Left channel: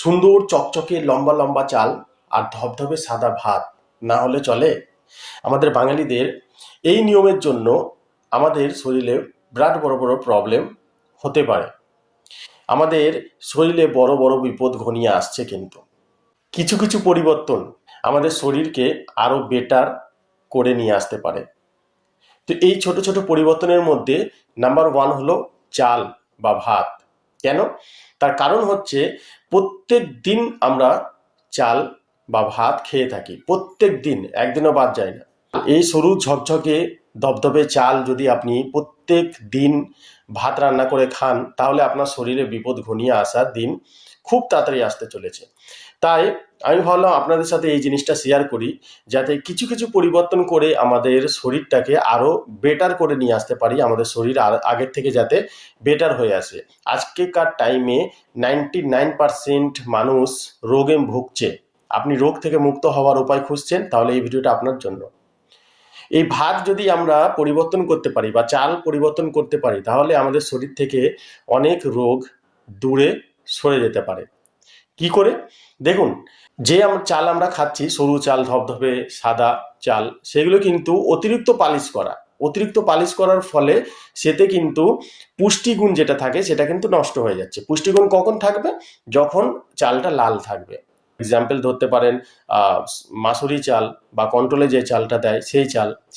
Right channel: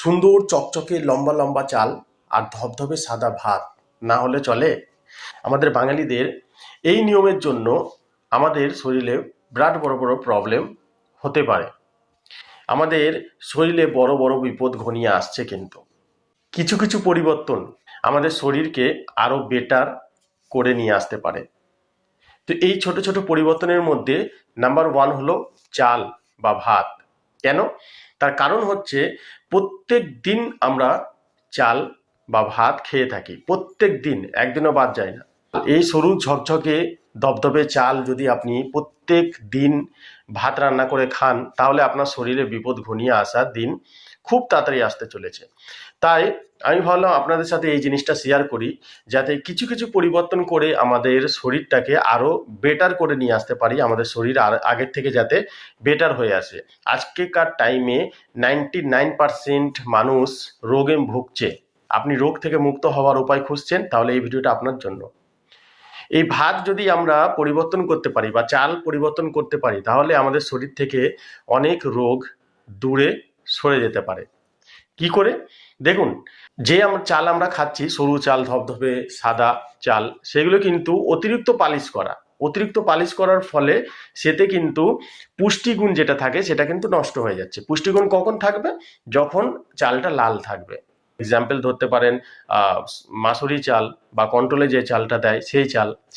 সুন্দর চকচকে লম্বা লম্বা চাল আর ধবধবে সাদা ভাত না হলে চলে? আমাদের বাঙালিদের এই নিয়মের জন্য আমাদের শরীরে বিরাট বড় বড় প্রবলেম হতে পারে। আমাদের শরীরে বড় বড় বিপদ ঘনিয়ে আসছে। কিন্তু কিছু কিছু পরিবর্তন আমাদের শরীরকে আরো বেটার করে নিয়ে আসতে পারে। তো এই ছোট ছোট পরিবর্তনের মধ্যে নাম্বার ওয়ান হলো চাল বা ভাত। কেন? তার কারণ হচ্ছে প্রত্যেক দিন আমরা চাল বা ভাত খেয়ে থাকি, প্রত্যেক দিন, একদিনও বাদ যায় না। এই সরু ঝকঝকে ধবধবে চাল যদি আপনি প্রত্যেক দিন ভাত রান্না করে খান, তাহলে আপনার শরীরে বিপদ ঘনিয়ে আসার দিন খুব তাড়াতাড়ি আসতে চলেছে। তাই আমি ভাবলাম আপনাদের সাথে এই জিনিসটা শেয়ার করি, যাতে কিছু কিছু পরিবর্তন করে আমাদের শরীরটাকে আরো বেটার করে নিয়ে আসতে পারি। আমাদের শরীর আর আগের থেকে যাতে বেটার হয়ে আসে। আজকেকার টাইমে 99% মানুষ রোগে ভুগছে। আপনি রোগ থেকে মুক্ত হওয়ার উপায় খুঁজছেন, তাহলে এই ভিডিওটা আপনার জন্য। এই ভাত যদি আমরা পরিবর্তন করতে পারি বা চাল পরিবর্তন করতে পারি, তাহলে আমাদের শরীর থেকে অনেক রোগ দূরে সরে যেতে পারে। কি করে? দেখুন, যে চাল আমরা খাচ্ছি, সরু চাল, ধবধবে সাদা চাল, সেগুলো কিন্তু অতিরিক্ত পালিশ করার ফলে সেতে কিন্তু পুষ্টিগুণ যেটা থাকে সেটা কিন্তু নষ্ট হয়ে যাচ্ছে। পুষ্টিগুণ কখন থাকবে? যখন চালটা লাল থাকবে। এক্সাম্পল ধরতে পারেন মাসুরি চাল বা কন্ট্রোলে যে চালটা দেয়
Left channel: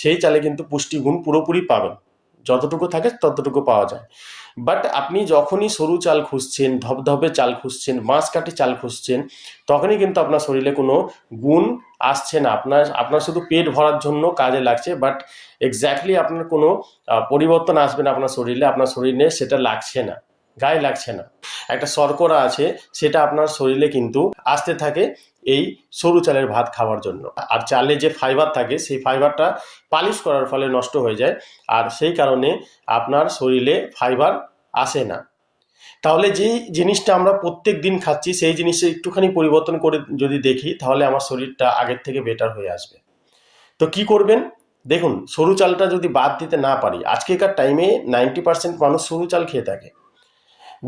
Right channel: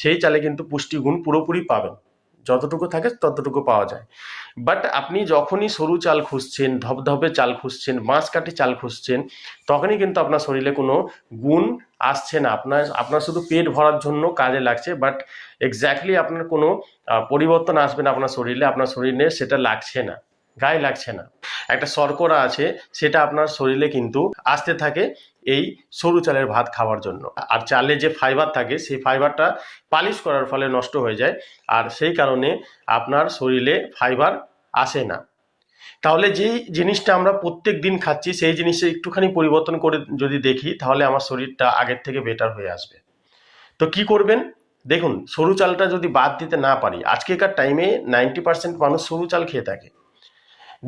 সেই চালে কিন্তু পুষ্টিগুণ পুরোপুরি পাবেন, যতটুকু থাকে ততটুকু পাওয়া যায়। বাট আপনি যখনই সরু চাল খুঁজছেন, ধবধবে চাল খুঁজছেন, বাঁশকাঠি চাল খুঁজছেন, তখনই কিন্তু আপনার শরীরে কোনো গুণ আসছে না। আপনার শুধু পেট ভরার জন্য কাজে লাগছে, বাট এক্স্যাক্টলি আপনার কোনো পরিবর্তন আসবে না আপনার শরীরে সেটা লাগছে না, গায়ে লাগছে না। একটা শর্করা আছে, সেটা আপনার শরীরে কিন্তু আসতে থাকে এই সরু চালের ভাত খাওয়ার জন্য। আর চালে যে ফাইবার থাকে, সেই ফাইবারটা পালিশ করার ফলে নষ্ট হয়ে যায়, আর সেই কারণে আপনার শরীরে ফাইবার আসে না। তাহলে যেই জিনিসটা আমরা প্রত্যেক দিন খাচ্ছি, সেই জিনিসে একটুখানি পরিবর্তন করে যদি দেখি, তাহলে আমার শরীরটা আগের থেকে বেটার হয়ে আসবে। তো কি করবেন? দেখুন, সরু চালটা যদি বাদ দিতে না পারি, আজকেকার টাইমে 90% মানুষ সরু চাল খেয়ে থাকে।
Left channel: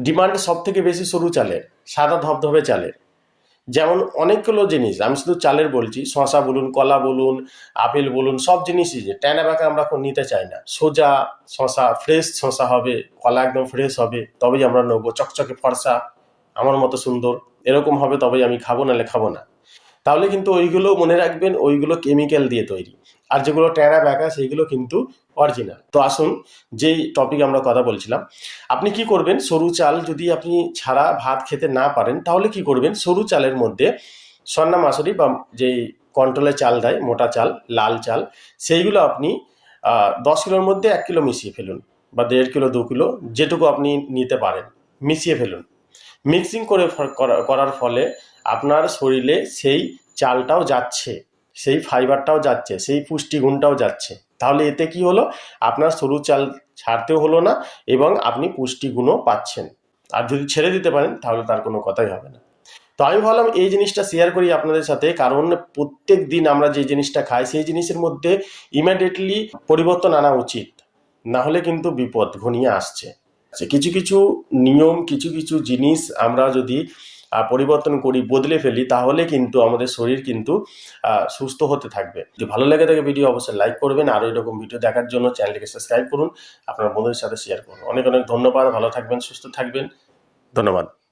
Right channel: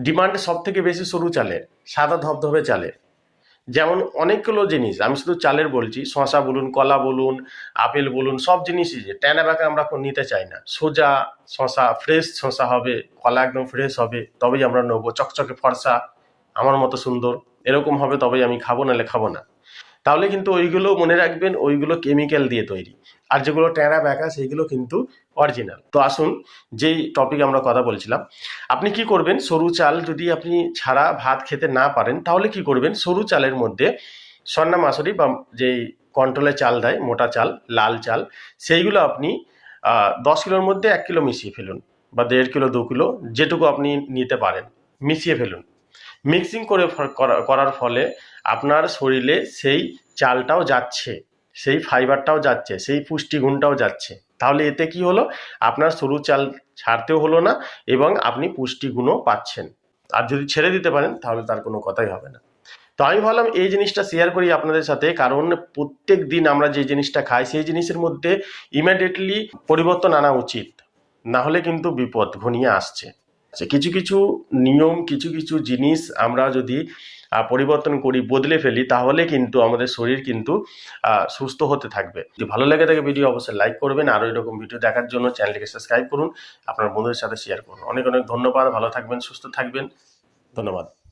ডিমান্ড সব থেকে বেশি সরু চালের, সাদা ধবধবে চালের। যেমন অনেকগুলো জিনিস, আমি শুধু চালের বলছি, শশা বলুন, কলা বলুন, আপেল বলুন, সব জিনিসই যে ট্যানা ব্যাকা আমরা নিতে চাই না। সোজা শশা, ফ্রেশ শশা হবে, কলা একদম ফ্রেশ হবে, তবেই আমরা নেবো। চকচকে ফর্সা, আমার মতো সুন্দর, এরকম হবে তবেই আমি খাবো, নাহলে খাবো না। তাহলে কিন্তু ওইগুলো মনে রাখবেন, ওইগুলো কেমিক্যাল দিয়ে তৈরি। আর যেগুলো ট্যারা ব্যাকা, সেইগুলো কিন্তু অরিজিনাল। তো আসুন, যেই টপিক আমরা কথা বলছিলাম, আপনি কি করবেন? সরু চাল যদি আপনি ছাড়া ভাত খেতে না পারেন, তাহলে কি করবেন? সরু চালের মধ্যে সন্না মাসুরি বা যেই কন্ট্রোলে চাল দেয়, মোটা চাল, লাল চাল, সেইগুলো আপনি 10 কিলোর মধ্যে 1 কিলো মিশিয়ে ফেলুন, বা 1.5 কিলো 2 কিলো, যেটুকু আপনি নিতে পারেন, মিশিয়ে ফেলুন। মিক্সিং করার ফলে আপনার শরীরে সেই চালটাও যাচ্ছে, সেই ফাইবারটাও যাচ্ছে, সেই পুষ্টিগুণটাও যাচ্ছে। তাহলে এতে কি হলো? আপনার সরু চাল ছাড়তেও হলো না, এবং আপনি পুষ্টিগুণও পাচ্ছেন। আর যদি ছেড়ে দিতে পারেন, তাহলে তার কোনো কথাই হবে না। তো আমি ভাবলাম এই জিনিসটা শেয়ার করি আপনাদের সাথে, কারণ প্রত্যেক দিন আমরা যে জিনিসটা খাই, সেই জিনিসের মধ্যে ইমিডিয়েটলি পরিবর্তন আনা উচিত, না হলে কিন্তু বিপদ ঘনিয়ে আসছে। কিছু কিছু নিয়ম, কিছু কিছু জিনিস আমরা যদি পরিবর্তন করি, বদলে ফেলি, তাহলে কিন্তু আমাদের শরীর কিন্তু সুস্থ হতে থাকবে। যদি ভালো লাগে থাকে ভিডিও অবশ্যই লাইক করবেন, আর এরকম ভিডিও দেখার জন্য চ্যানেলটিকে সাবস্ক্রাইব করুন, আপনার বন্ধুদের সাথে শেয়ার করুন। অনেক অনেক ধন্যবাদ। ভালো থাকবেন, সুস্থ থাকবেন। ধন্যবাদ।